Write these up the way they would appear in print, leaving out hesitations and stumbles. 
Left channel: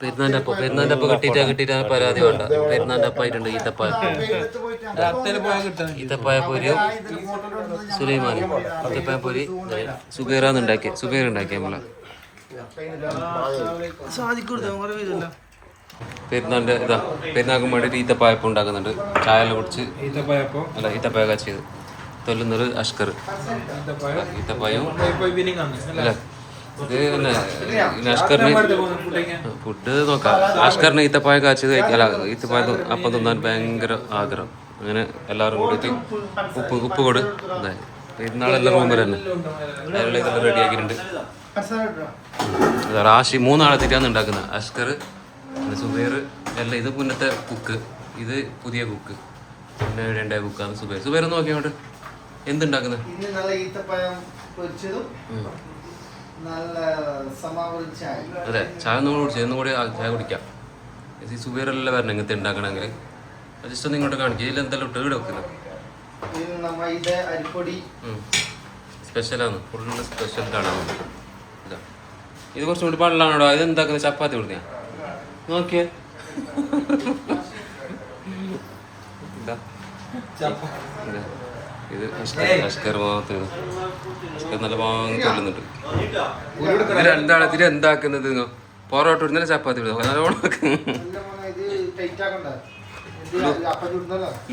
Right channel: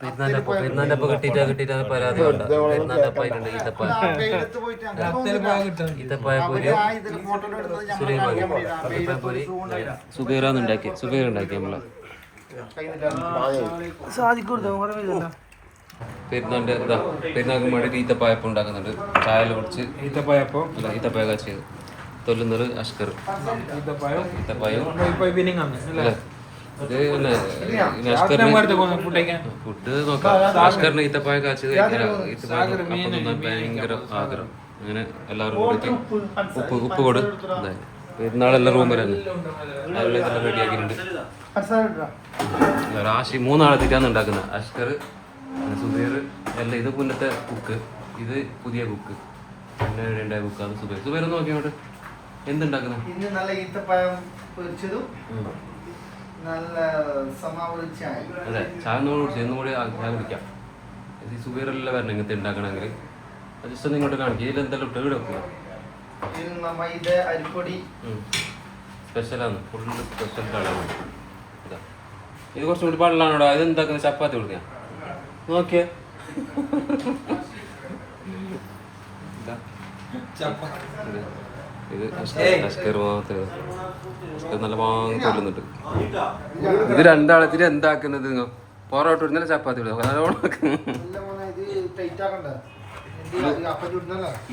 പെരുന്നാന്റെ അപ്പ കിട്ടിയിട്ടാണ് പരാതി വേണ്ട. പെരുന്നാന്റെ അപ്പായിട്ടുണ്ട് ഈത്തപ്പായ പൊരിയും സുലൈമാനി ഈത്തപ്പായ പൊരി സുബൈറാന്ന് ഉണ്ടാക്കി നമ്മളെ പെരുന്നാന്റെ പെരുന്നാക്കും വേണ്ടിയിട്ട് ഈത്തപ്പായപ്പം ഉണ്ടാക്കുന്നുണ്ട്. ചായ കുടിച്ച് ഈത്തപ്പായ കാച്ചിയത് തൊല്ലുന്നത് അഷ്കർ ഈത്തപ്പായും അല്ലേ. ഇത് പിന്നെ അഷ്കറിന് ഫുഡ് നോക്കാം. അഷ്കറിന് ഈത്തപ്പായ കാച്ചത് കഴിക്കാല. ഈത്തപ്പായ അപ്പം തിന്നാൻ ഭയങ്കര ആഗ്രഹം. അങ്ങനെ എല്ലാവരും കൂടിയിട്ട് ഉപ്പ് കൊടു എന്താ പെരുന്നാളെല്ലാം റൂമിൽ തന്നെ അതിനുള്ള ഇതെല്ലാം റെഡി ആക്കിയിട്ടുണ്ട്. റാഷി 3 ആളെത്തിട്ടാണ് ഉണ്ടാക്കുന്നത്. അഷ്കർ സുബൈർ എല്ലാം. ഇത് മുന്നത്തെ കുക്ക്, ഇത് പുതിയ കുക്ക്, പിന്നെ രണ്ടായ കുക്കാണ് സുബൈർ. സുബൈർ നോക്കി അങ്ങോട്ട് എന്തുണ്ടാക്കുന്നത്? അതെ, ചായ ഒന്നും കുടിച്ചു. ഇന്നും കൂടി ചായ കുടിക്കാം. ഈ സുബൈറെല്ലാം വരണം ഇങ്ങനത്തെ ഉണ്ടാക്കണമെങ്കിൽ. ജസ്റ്റ് ഒന്ന് ഇങ്ങോട്ട് കാണിക്കുക. ഇതിൽ എന്തെല്ലാം ഇട്ട് ഇവിടെ വെക്കുന്നത് സ്പെഷ്യലാണ്. ഫുള്ള് സ്പെഷ്യൽ കാണാൻ. ഇതാ ഇത് കുറച്ചും കൂടി വെള്ളമാണോടാ. ഇത് എന്താക്കുന്നത്? ചപ്പാത്തി കൊടുക്കുക നോക്കിയേ. ഇത് അഷ്കർ മാത്രം. അഷ്കർ നല്ല വാങ്ങി തൊല്ലുന്നുണ്ട്. ഇത് രണ്ടാളത്തിൽ എന്താക്കുന്നത്? പൊറോട്ട ഇടുന്നല്ല ചപ്പാത്തി ഇടുക നല്ലോണം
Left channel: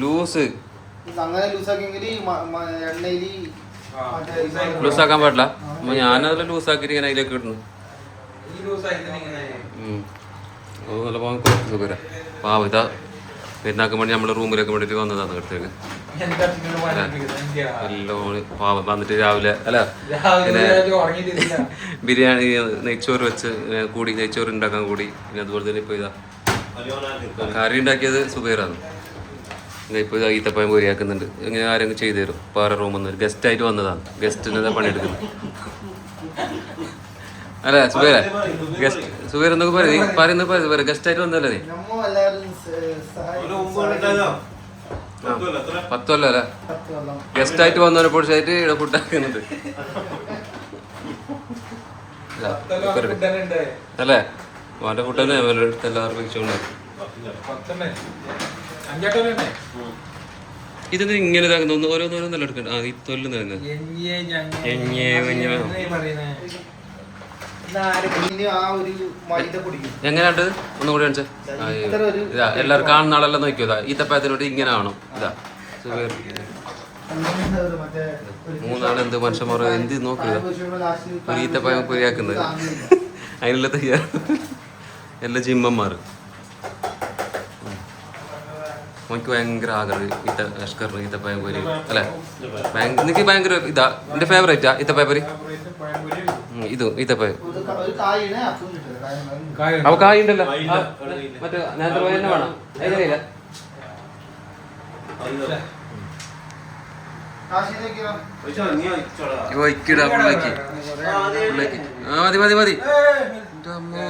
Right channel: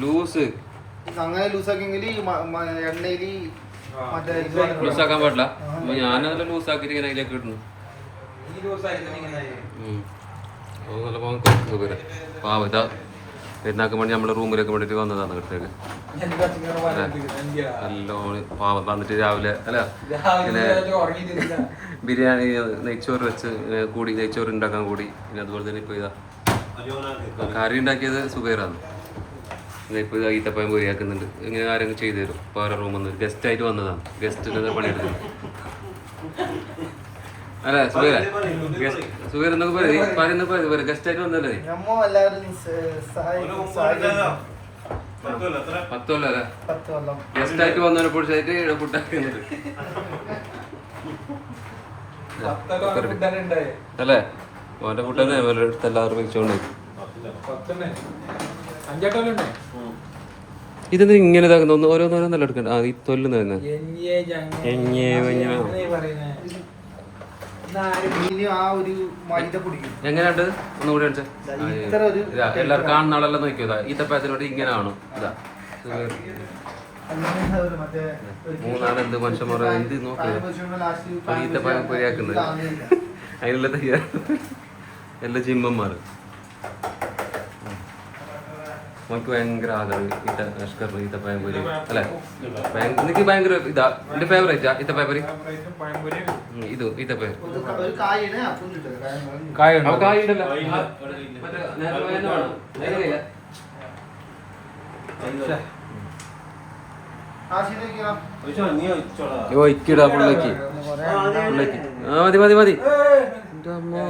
ലൂസ് ലൂസാക്കാൻ പാടില്ല. ഞാനതെല്ലാം ലൂസാക്കിയിട്ട് ഇങ്ങനെ അതിലേക്ക് ഇടുന്നു. നല്ല വാങ്ങി കൊടുക്കുന്നത് പേരെ പാവ. ഇതാ പെരുന്നാക്കാൻ വേണ്ടി നമ്മളെ റൂമിലേക്ക് വേണ്ടിയിട്ട് വന്നതാണ് അടുത്തേക്ക്. എല്ലാം പാവം വന്നിട്ട് രാവിലെ അല്ല പിന്നെ ബിരിയാണി നെയ്ച്ചോറ് വെച്ച് കൂടി, നെയ്ച്ചോറ് ഉണ്ടാക്കാൻ കൂടി. പിന്നെ അതുപോലെ തന്നെ ഇപ്പോൾ ഇതാ കറി ഉണ്ടാക്കിയത് സുബൈറാണ്. ഇപ്പോൾ ഇതാ ഈത്തപ്പഴം പൊരിയാക്കുന്നുണ്ട്. ഇങ്ങനെ ആരെങ്കിലും ചെയ്തു തരും. വേറെ റൂമിൽ നിന്ന് ഒരു ഗസ്റ്റായിട്ട് വന്നതാണ്. ഗസ്റ്റിനെ പണിയെടുക്കുന്നത് അല്ലേ സുബൈറ? ഗസ്റ്റ് സുബൈർ എന്നൊക്കെ പറയുന്നത് ഗസ്റ്റായിട്ട് വന്നല്ലേ നീ? 10 കൊല്ലം അല്ലേ ഗസ്റ്റായിട്ട് വന്നവനെ പൊടിച്ചായിട്ട് ഇവിടെ ഫുഡാക്കുന്നുണ്ട് അല്ലേ? അവൻ്റെ ഫുഡ് തന്നെ എടുത്ത് എല്ലാവരും കഴിച്ചോണ്ട്. ഇതെന്ത് ഇങ്ങനെ ഇതാക്കുന്ന ഓരോന്നോരോന്നല്ല എടുക്കണ്ട. ഈ തൊല്ലുന്ന എങ്ങനെയുണ്ട്? ഒന്നുകൂടി കാണിച്ചാ എല്ലാവരും കാണുന്ന ആളെല്ലാം നോക്കിയോ. ഈത്തപ്പഴത്തിനോട് ഇങ്ങനെ ആണോ? ഇതാ 3 ആൾ എന്ത് മനുഷ്യന്മാർ എന്ത് നോക്കുക. ഒരു ഈത്തപ്പഴം പൊരിയാക്കുന്നത് അതിനുള്ള തയ്യാർ എല്ലാ ജിമ്മന്മാർ. എനിക്ക് ഭയങ്കര ആഗ്രഹം അഷ്കറിന് ഈത്തപ്പഴം പൊരി അല്ലേ? എനിക്ക് ഭയങ്കര ഇതാ എൻ്റെ ഫേവറേറ്റാ ഈത്തപ്പഴം പൊരി. ഇത് ഈത്തപ്പഴം അവ കായുണ്ടല്ലോ മറ്റേ നേരത്തെ പോയ തന്നെ വേണം. ഇക്കിടാ പുള്ളിലേക്ക് പുള്ളിലേക്ക് മതി മതി മതി. എൻ്റെ അമ്മോ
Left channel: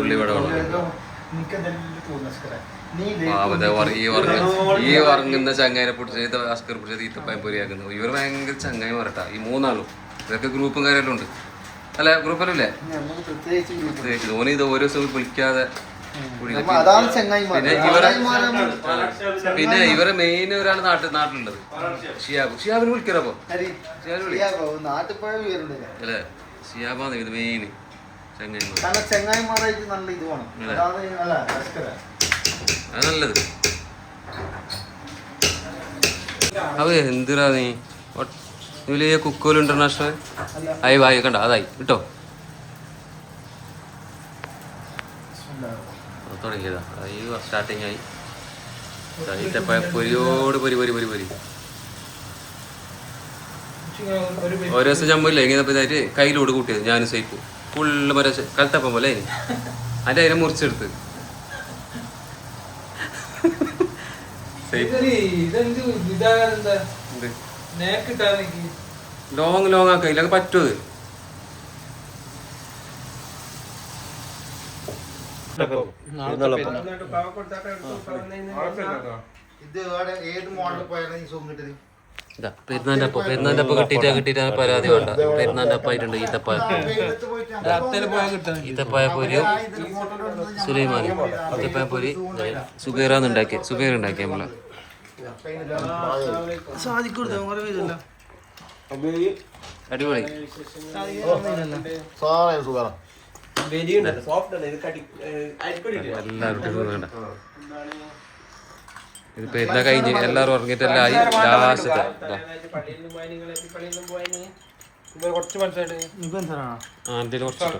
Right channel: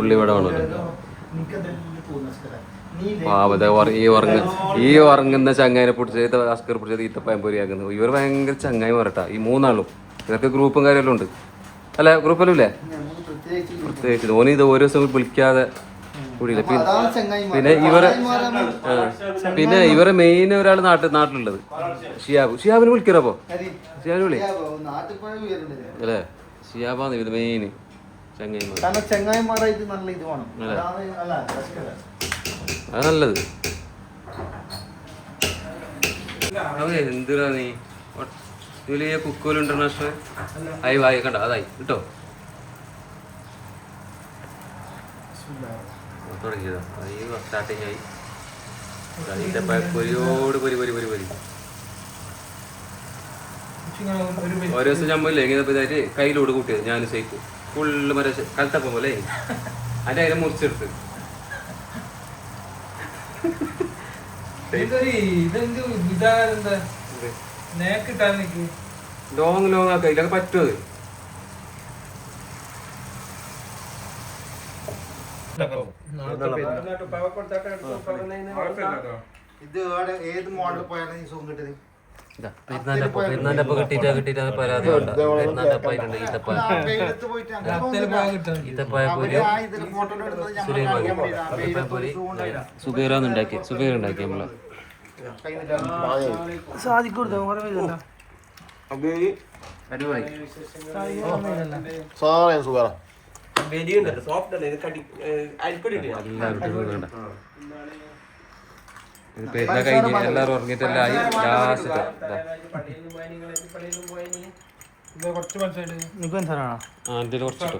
ഉള്ളിവട ഈ ഉറങ്ങുന്ന ചങ്ങായിനെ പിടിച്ചത് അസ്കർ പിടിച്ചത് ഈത്തപ്പഴം പൊരിയാക്കുന്നത്. ഇവർ ഭയങ്കര ചങ്ങായി മറട്ടാ ഈ 3 ആളും. ഇതൊക്കെ ഗ്രൂപ്പും കാര്യമെല്ലാം ഉണ്ട് അല്ല? ഗ്രൂപ്പെല്ലാം ഇല്ലേ? പ്രത്യേകിച്ച് ധോനി ഇത് ഓരോ ദിവസം വിളിക്കാതെ. പിന്നെ ഇവരെ മെയിൻ ഒരാൾ നാട്ടിലുള്ളത് ഷിയാബിന് വിളിക്കണപ്പോ അല്ലേ? ഷിയാബാണ് ഇത് മെയിൻ അത് നല്ലത്. അവ എന്തിനാ നീ വലിയ കുക്കോൽ ഇന്റർനാഷണൽ ആയി വായി കണ്ട അതായി കിട്ടോ തുടങ്ങിയതാ. ഈ സ്റ്റാർട്ടിങ് ആയി. പൊരിയോട് പൊരി പൊരി പൊരി പൊരി. ഓരോ ദിവസം ചമ്മില്ല ഇങ്ങനെ ഇതായിട്ട് കയ്യിലോട് കൂട്ടിയത് ഞാനും സൈപ്പ് ഫുള്ള് മറ്റേ കലത്തപ്പം പോലെ അതിൻ്റെ അതിനെ മുറിച്ചെടുത്ത് ലോങ് ആക്ക ഇല്ലൊക്കെ പറ്റുമത്. ഇതാ പെരുന്നാൻ്റെ അപ്പം കിട്ടിയിട്ടാണ് പരാതി വേണ്ട. പെരുന്നാൻ്റെ അപ്പായിട്ടുണ്ട് ഈത്തപ്പായ, ഈത്തപ്പായ പൊരിയും സുലൈമാനും. ഈത്തപ്പായ പൊരി സുബൈറാന്ന് ഉണ്ടാക്കി, സുബൈർ ഉണ്ടാക്കി നമ്മളെ. അടിപൊളി. എല്ലാവരും ഇത് പെരുന്നാൾ കഴിഞ്ഞ് എല്ലാവരും ഉറങ്ങിയിട്ടെല്ലാം ആയി. ലാസ്റ്റത്തെ കുറച്ച് കുറച്ചിട്ടോ